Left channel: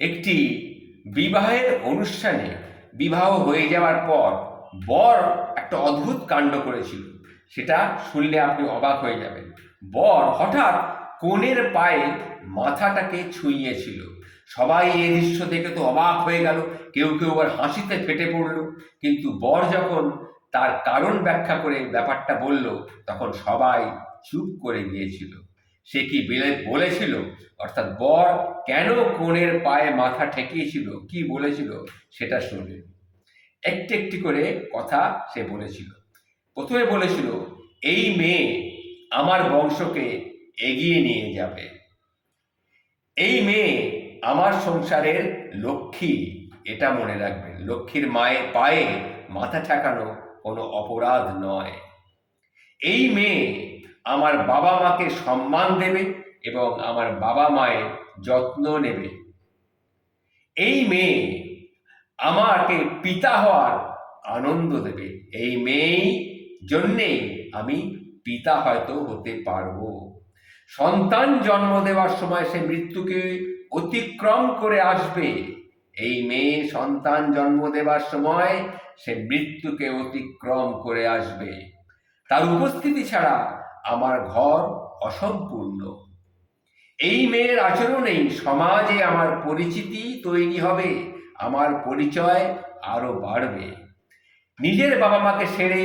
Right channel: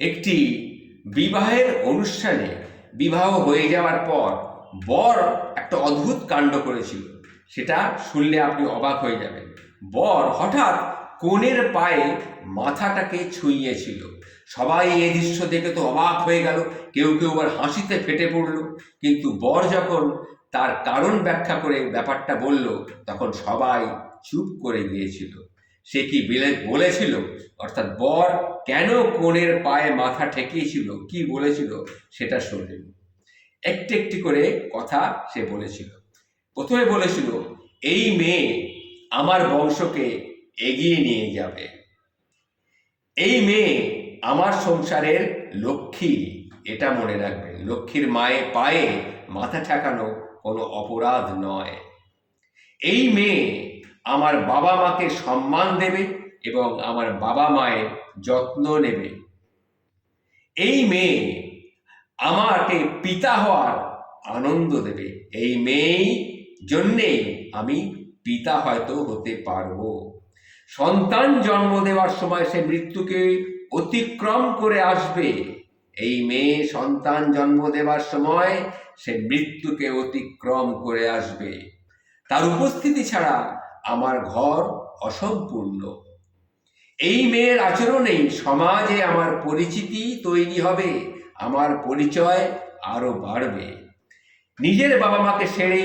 একটি বিবাহের অনুষ্ঠানে বিবাহ হয়ে যাওয়ার পর বর একটা অদ্ভুত কাণ্ড করেছিল। সেটা শুনলে আপনি অবাক হয়ে যাবেন। বর হঠাৎ কনের পায়ে মাথাটাকে ছুঁইয়েছিল। সবাই এই দৃশ্য দেখে তো অবাক হয়ে গেল, কেউ কেউ আবার হাসিতে ফেটে পড়ল। কিন্তু বর যখন তার কারণ ব্যাখ্যা করে ব্যাপারটা বলল, তখন সবাই চুপ করে গিয়েছিল। সে কি বলেছিল, অর্থাৎ বর কেন কনের পায়ে মাথা ঠেকিয়েছিল, কি বলেছিল সেটা শোনেন। একটি একটি করে কথা সে বলেছিল। প্রথমে বলেছিল, এই মেয়ে আমার বংশকে এগিয়ে নিয়ে যাবে, এই মেয়ে আমার সংসারের লক্ষ্মী। এটা মনে রাখবেন, লক্ষ্মীর মায়ের পায়ে মাথা ঠেকানো কোনো অপরাধ নয়। এই মেয়ে আমার বাবা মাকে সম্মান দেবে এবং আমার বাবা মায়ের যত্ন নেবে। এই মেয়ে আমাকে পিতা হওয়ার আনন্দ দেবে। এই মেয়েই জন্যেই আমি পিতা হয়তো হতে পারবো। সন্তান জন্ম দেওয়ার সময় সে মৃত্যুকে অতিক্রম করে আসবে। এই মেয়ে সন্তান জন্ম দেওয়ার সময় সে মৃত্যুকে অতিক্রম করে আসবে। তার উপস্থিতি ছাড়া আমার ঘর অসম্পূর্ণ। এই মেয়ের আচরণেই সমাজে আমার পরিচিতি তৈরি হবে, আমার পরিচয় আরো বাড়বে। নিজের বাবা মাকে ছেড়ে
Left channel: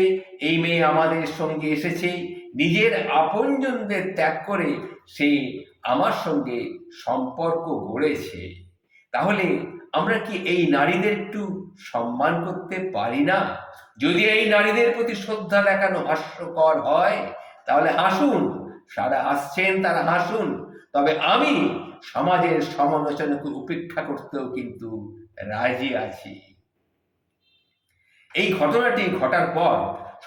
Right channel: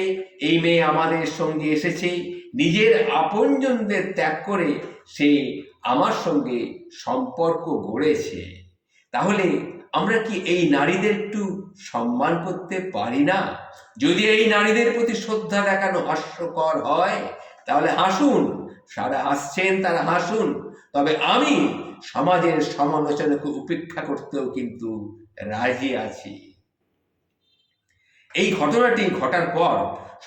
এই মেয়ে আমাদের সঙ্গে এসেছে, নিজের আপনজনদের ত্যাগ করে সে আমার সঙ্গে সম্পর্ক গড়েছে। তাহলে আমরা কি এই নারীদের একটু সম্মান করতে পারি না? যদি এই নারীদের প্রতি শ্রদ্ধা দেখানো হাস্যকর হয়, তাহলে হাসুন। সারা হাসছেন, তারা হাসুন। তবে আমি সমাজের সমালোচনাকে উপেক্ষা করতেও কিন্তু রাজি আছি। এই ঘটনাটি ঘটার পর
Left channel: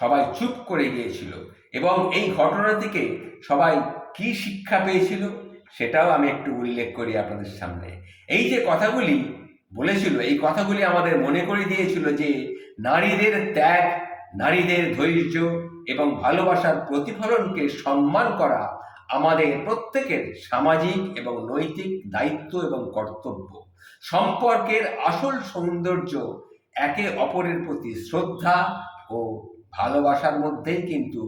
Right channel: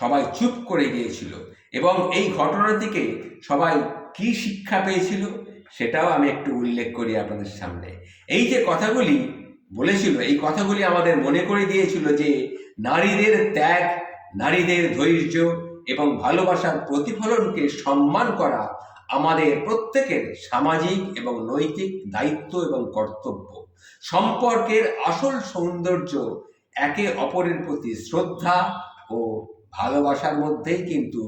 সবাই চুপ করে গিয়েছিল এবং এই ঘটনা থেকে সবাই কি শিক্ষা পেয়েছিল সেটাও আমি একটু উল্লেখ করি আপনাদের সামনে। এই যে কথাগুলি বলেছিল, এই কথাগুলি আমাদের মনে করে দিয়েছিল যে নারীদের ত্যাগ, নারীদের ধৈর্য এবং ভালোবাসার প্রতিফলনকে সম্মান করা আমাদের প্রত্যেকের সামাজিক এবং নৈতিক দায়িত্ব এবং কর্তব্য। সম্পর্কের আসল সৌন্দর্য একে অপরের প্রতি শ্রদ্ধা ও ভালোবাসার মধ্যেই কিন্তু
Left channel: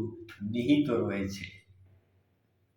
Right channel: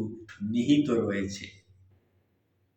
নিহিত রয়েছে।